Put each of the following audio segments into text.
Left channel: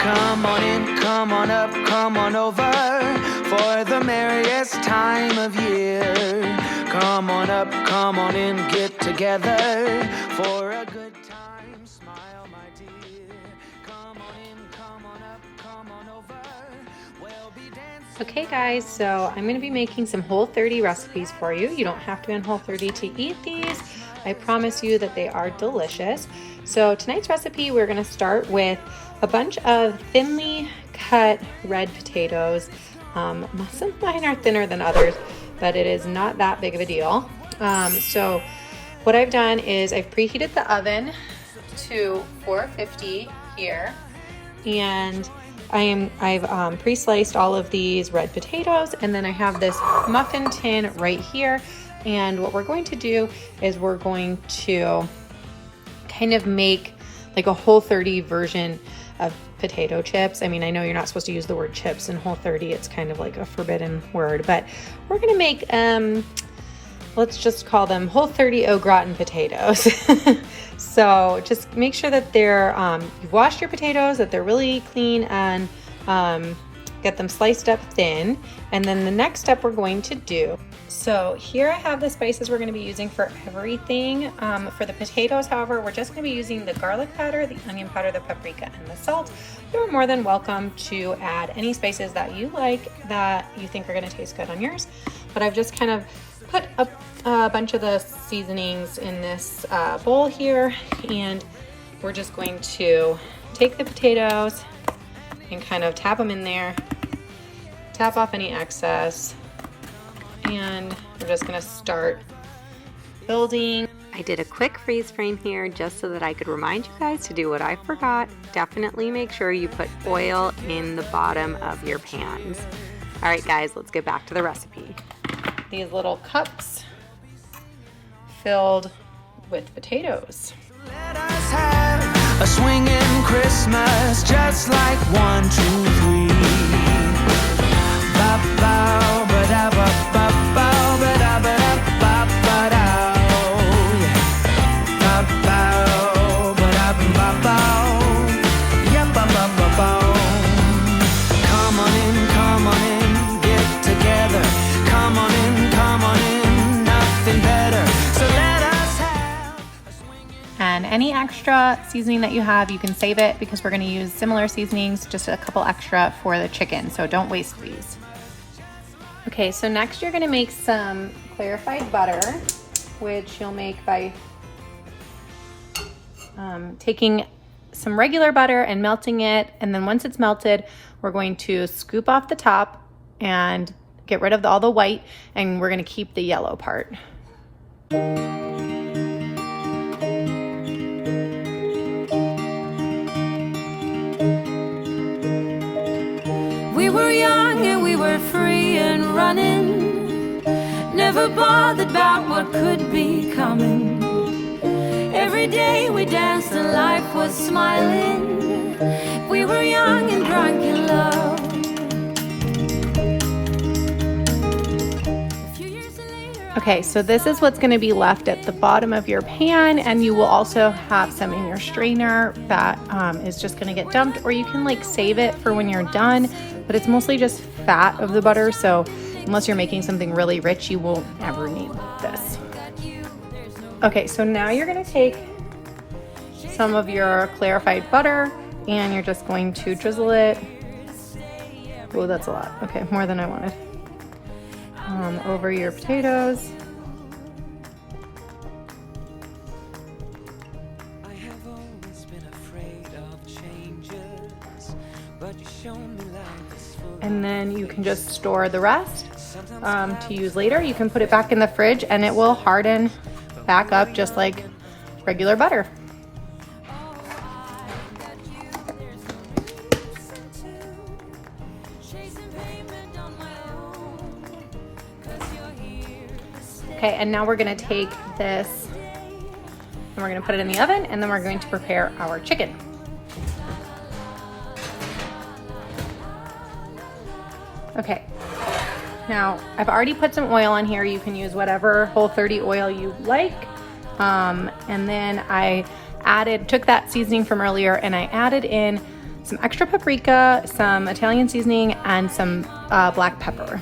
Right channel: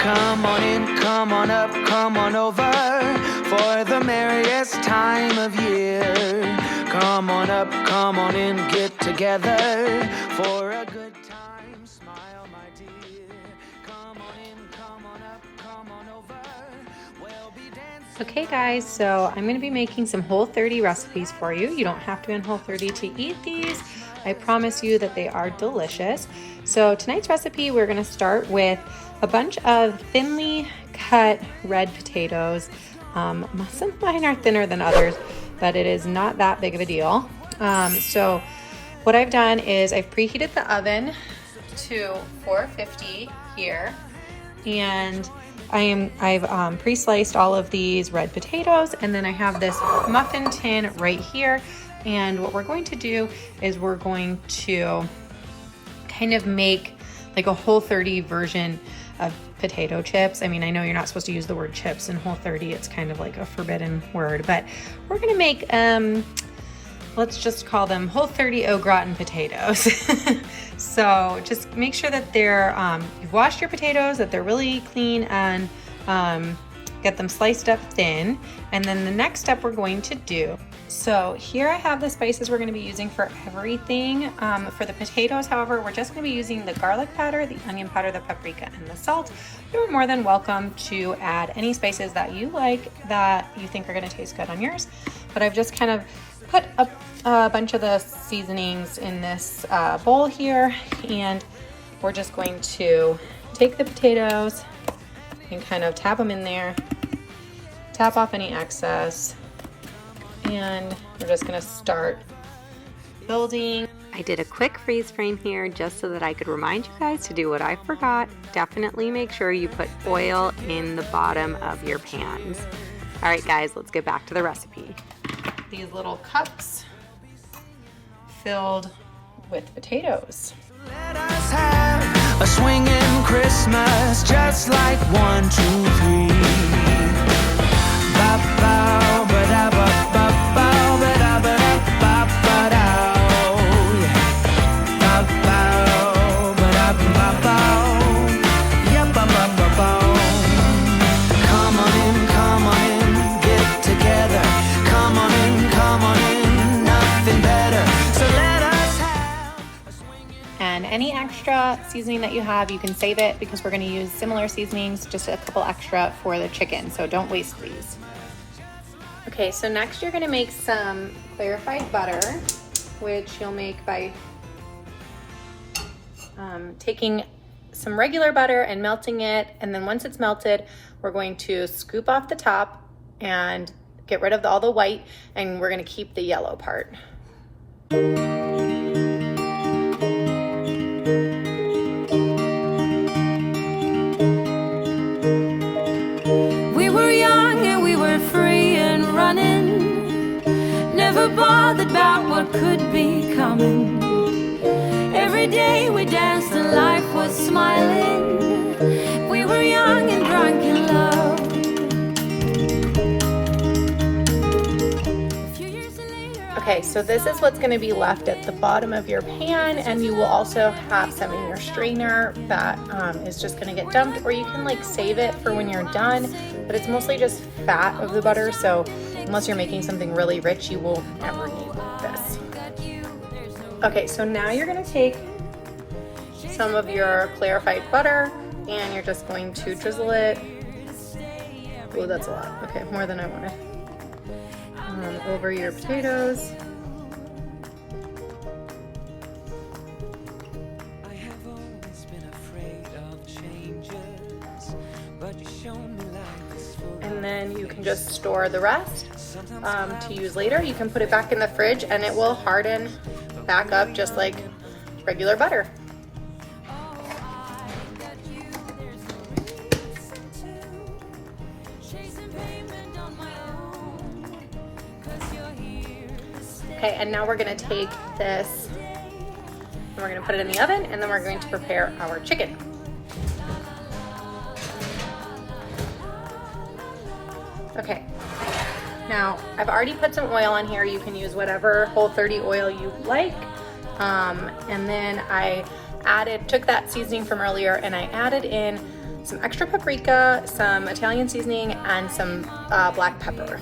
Come on in, come on up, come on over for the merriest time of year. Come on up, come on in, get together for a good time. Smile, my dear. Come on in, come on up, come on over. We'll be dancing. Okay guys, so I'm going to be making some Whole30 recipes for you. You don't have to be on Whole30 to eat these. I promise you that they are delicious. So tonight's recipe, we're going to start with a bunch of thinly cut red potatoes. Some of mine are thinner than others, but it is not that big of a deal. So what I've done is I've preheated the oven to 450 here, and I've pre-sliced all of these red potatoes, and then I have this muffin tin right here. And what we're going to do is we're going to kind of make like a Whole30 version of potato chips. I mean, I know you're not supposed to use the word chips in Whole30. It's kind of like a forbidden word, but we're gonna make, let's just call them Whole30 gratin potatoes. So just make sure that they're, you've washed your potatoes, that they're really clean, and get them sliced up thin. And then the next step we're going to do, so here I have the spices we're going to be using for everything. For the potatoes, however, we're just going to be using the garlic powder, the onion powder, the paprika, and the salt. You're more than welcome to add any spices that you like that you think are going to taste good on yours. But I've just kind of put a bunch of the seasonings in this bowl here, and we're just going to take the potatoes and kind of tap them in there, tap off any excess, and we're just gonna start building. I did a quick freeze frame here just so that I could remind you guys to do what I forgot. Definitely make sure you put oil in the bottom of your pans. All right guys, let's get back to the recipe. These little cups filled with potatoes. Let us have a swinging Christmas, just like 1, 2, 3. Ba-bow, ba-da-ba, ba-bow, ba-da-ba-da, ba-ba-dow. Ba-bow, ba-da-ba-bow. Yeah, ba-ba-ba-bow. Come on in, get together. Come on in, nothing better. So let us have a swinging. And any extra seasoning that you have, you can save it, because we're going to use similar seasonings, just a couple extra for the chicken, so don't waste these. Okay, so next you're going to make some clarified butter, which you'll make by taking some regular butter and melting it, and then once it's melted, we're going to scoop off the top and get rid of all the white, and we're going to keep the yellow part. We were young and we were free and running, never bothered about what could be coming. Every day we danced and life was smiling. We were young and drunk in love. A few years later, Okay, so this is what's going to be left at the bottom of your pan, and you will also have some in your strainer that is just going to get dumped, or you can like save it for when you're done, but it's mostly just fat of the butter, so unless you're making something really rich, you will never need this. Okay, so now you're going to take some of your clarified butter and you're just going to drizzle it. Oh, that's a lot. Okay, more than I wanted. Over your potatoes. I have always been afraid of changes, but you shown me life is full. And then you can just store the rest to use later. You can put it back in the fridge and it will harden back up just like regular butter. Okay, and now we're gonna take this and we're gonna put it in the oven, and then we're going to prepare our chicken. Okay, now I've already put some oil in here. You can use whatever Whole30 oil you like. And then I took that seasoning from earlier and I added in some extra paprika, some Italian seasoning, and some black pepper.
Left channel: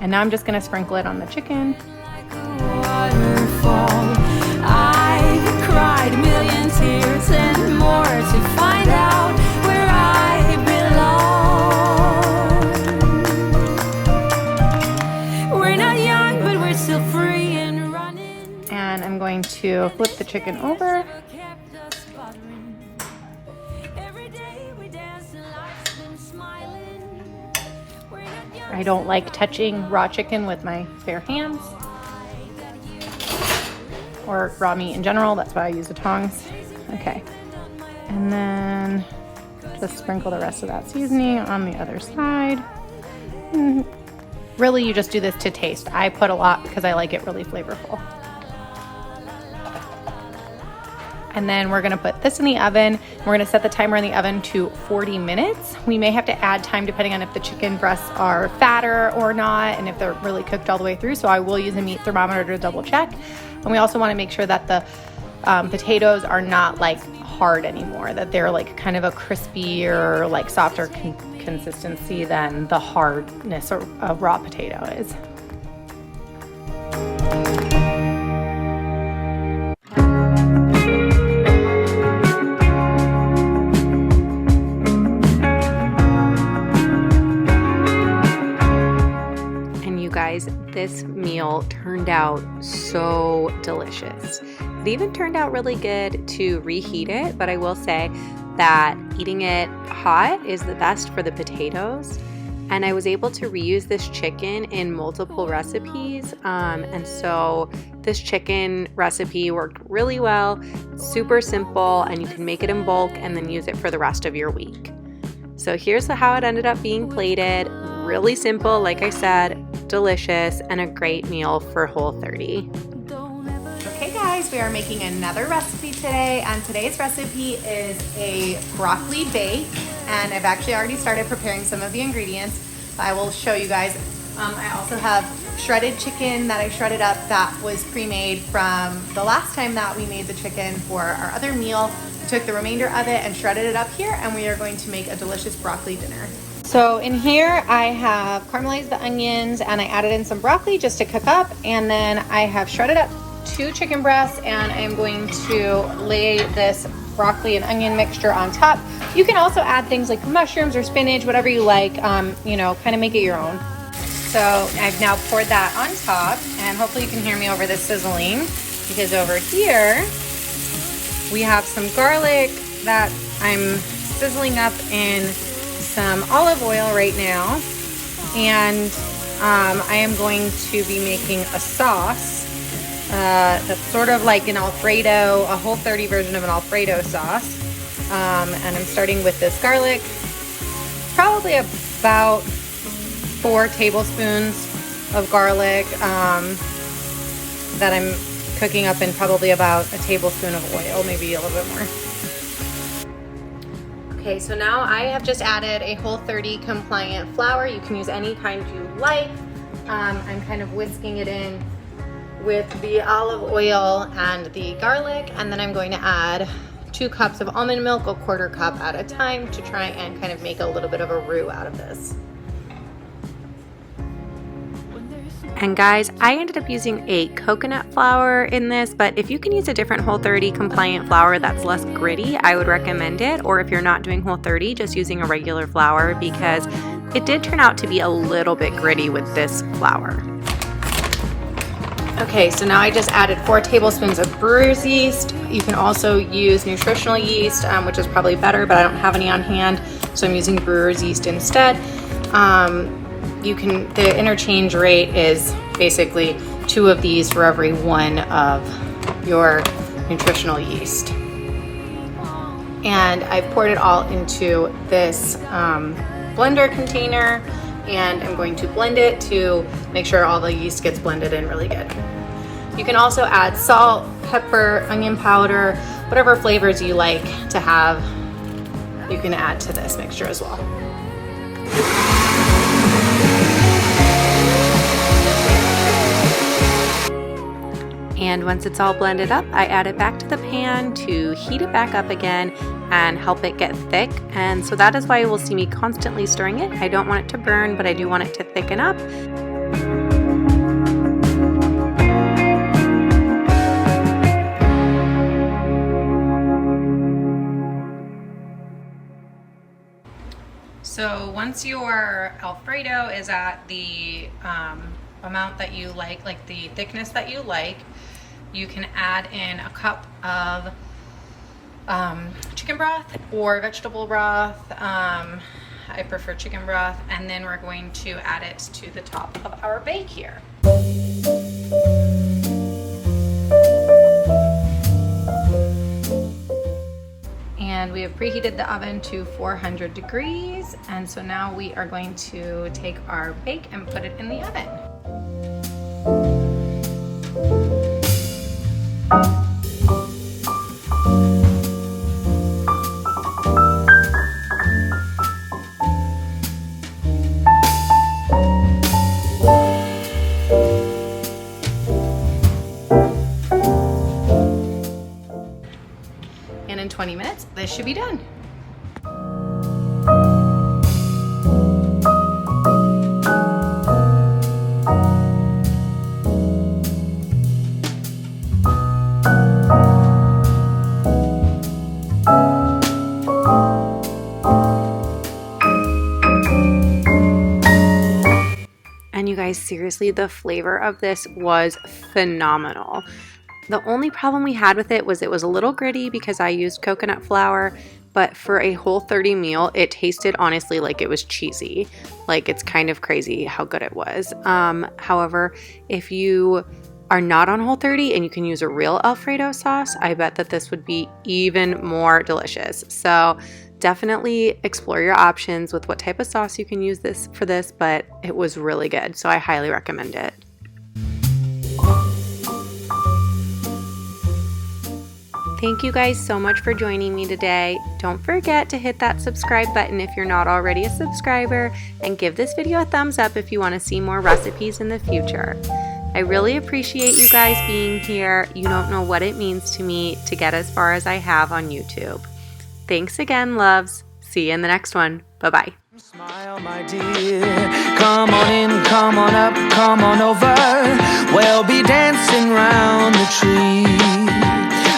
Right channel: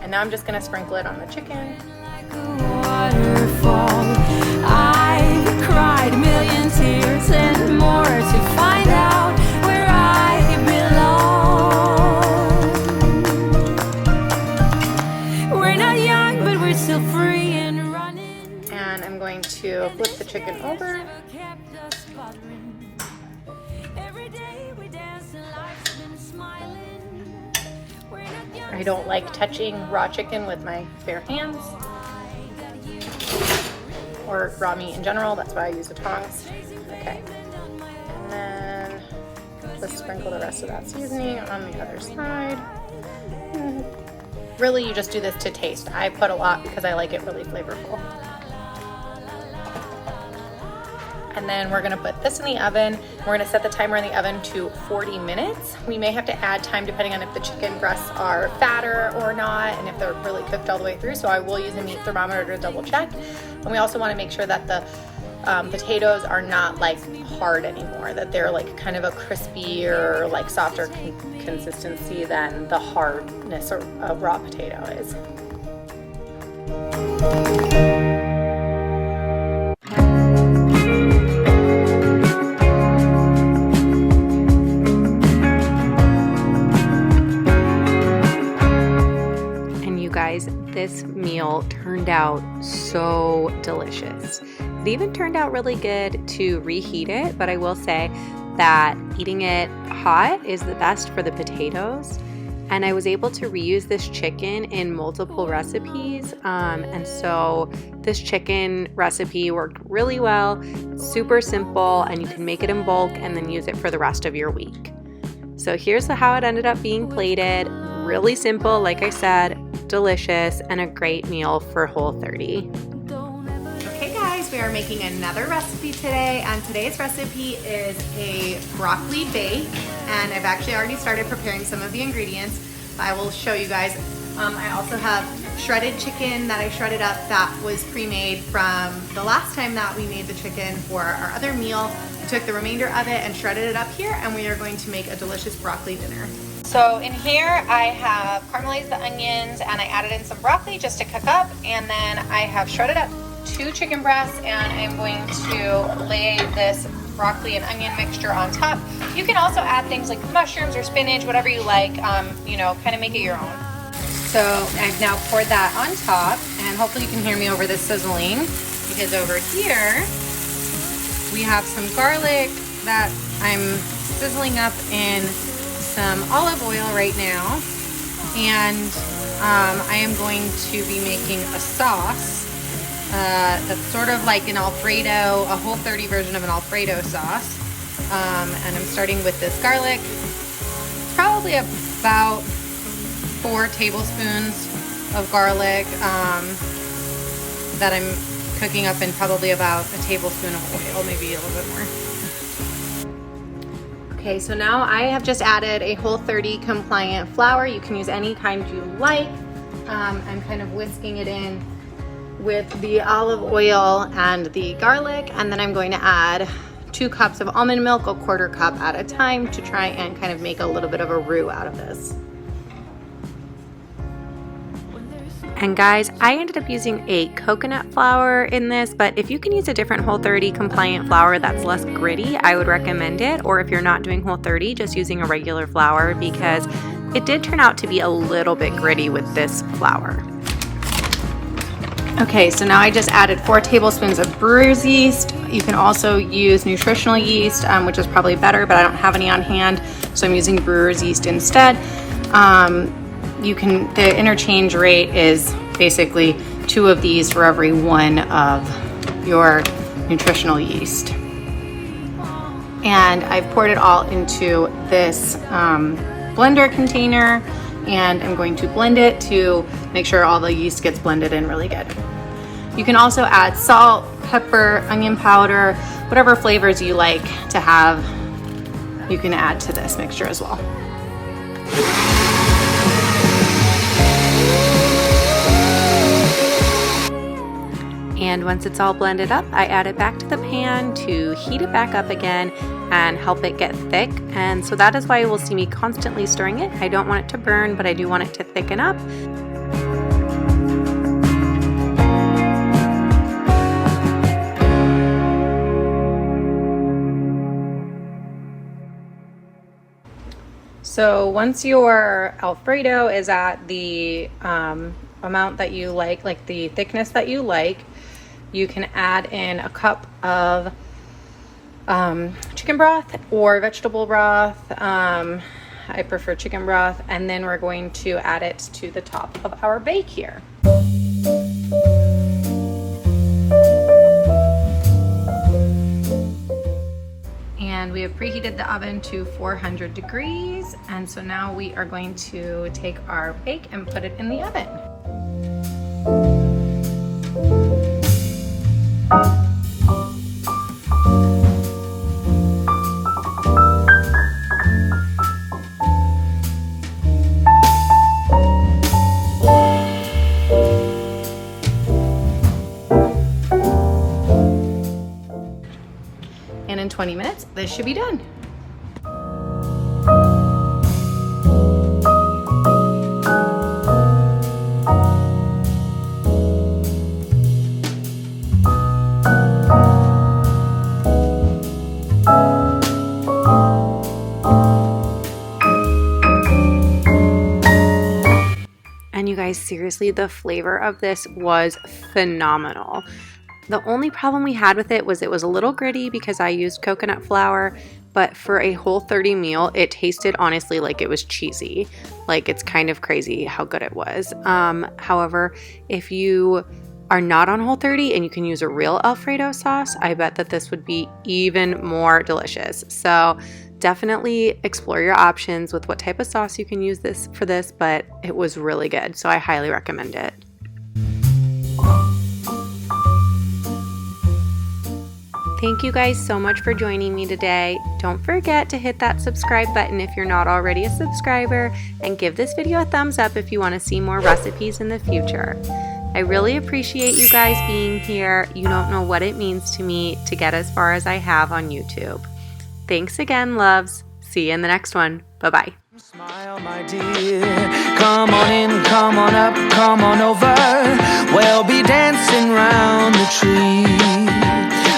And now I'm just gonna sprinkle it on the chicken. Like a waterfall, I cried a million tears and more to find out where I belong. We're not young, but we're still free and running. And I'm going to flip the chicken over. Every day we dance and life's been smiling. We're not young. I don't like touching raw chicken with my bare hands or raw meat in general. That's why I use the tongs. Okay. And then just sprinkle the rest of that seasoning on the other side. Really, you just do this to taste. I put a lot because I like it really flavorful. And then we're gonna put this in the oven. We're gonna set the timer in the oven to 40 minutes. We may have to add time depending on if the chicken breasts are fatter or not, and if they're really cooked all the way through. So I will use a meat thermometer to double check. And we also wanna make sure that the potatoes are not like hard anymore, that they're like kind of a crispier, like softer consistency than the hardness of a raw potato is. Guys, this meal turned out so delicious. It even turned out really good to reheat it, but I will say that eating it hot is the best for the potatoes. And I was able to reuse this chicken in multiple recipes. And so this chicken recipe worked really well, super simple, and you can make it in bulk and then use it for the rest of your week. So here's how it ended up being plated. Really simple, like I said, delicious, and a great meal for Whole30. Okay guys, we are making another recipe today, and today's recipe is a broccoli bake, and I've actually already started preparing some of the ingredients, but I will show you guys. I also have shredded chicken that I shredded up that was pre-made from the last time that we made the chicken for our other meal. We took the remainder of it and shredded it up here, and we are going to make a delicious broccoli dinner. So in here I have caramelized the onions, and I added in some broccoli just to cook up, and then I have shredded up 2 chicken breasts, and I'm going to lay this broccoli and onion mixture on top. You can also add things like mushrooms or spinach, whatever you like, you know, kind of make it your own. So I've now poured that on top, and hopefully you can hear me over the sizzling, because over here we have some garlic that I'm sizzling up in some olive oil right now, and I am going to be making a sauce that's sort of like an Alfredo, a Whole30 version of an Alfredo sauce, and I'm starting with this garlic, probably about 4 tablespoons of garlic that I'm cooking up in probably about a tablespoon of oil, maybe a little bit more. Okay, so now I have just added a Whole30 compliant flour. You can use any kind you like. I'm kind of whisking it in with the olive oil and the garlic, and then I'm going to add 2 cups of almond milk, a 1/4 cup at a time, to try and kind of make a little bit of a roux out of this. And guys, I ended up using a coconut flour in this, but if you can use a different Whole30 compliant flour that's less gritty, I would recommend it. Or if you're not doing Whole30, just using a regular flour, because it did turn out to be a little bit gritty with this flour. Okay, so now I just added 4 tablespoons of brewer's yeast. You can also use nutritional yeast, which is probably better, but I don't have any on hand, so I'm using brewer's yeast instead. The interchange rate is basically 2 of these for every 1 of your nutritional yeast. And I've poured it all into this blender container, and I'm going to blend it to make sure all the yeast gets blended in really good. You can also add salt, pepper, onion powder, whatever flavors you like to have, you can add to this mixture as well. And once it's all blended up, I add it back to the pan to heat it back up again, and help it get thick. And so that is why you will see me constantly stirring it. I don't want it to burn, but I do want it to thicken up. So once your Alfredo is at the amount that you like the thickness that you like, you can add in a cup of chicken broth or vegetable broth. I prefer chicken broth, and then we're going to add it to the top of our bake here. And we have preheated the oven to 400 degrees, and so now we are going to take our bake and put it in the oven. And in 20 minutes, this should be done. And you guys, seriously, the flavor of this was phenomenal. The only problem we had with it was a little gritty because I used coconut flour, but for a Whole30 meal, it tasted honestly like it was cheesy. Like, it's kind of crazy how good it was. However, if you are not on Whole30 and you can use a real Alfredo sauce, I bet that this would be even more delicious. So definitely explore your options with what type of sauce you can use for this, but it was really good. So I highly recommend it. Thank you guys so much for joining me today. Don't forget to hit that subscribe button if you're not already a subscriber, and give this video a thumbs up if you want to see more recipes in the future. I really appreciate you guys being here. You don't know what it means to me to get as far as I have on YouTube. Thanks again, loves. See you in the next one. Bye-bye. Smile, my dear. Come on in, come on up, come on over. We'll be dancing round the tree.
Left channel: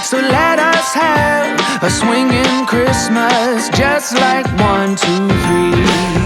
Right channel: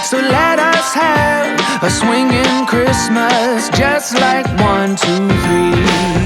So let us have a swinging Christmas, just like 1, 2, 3.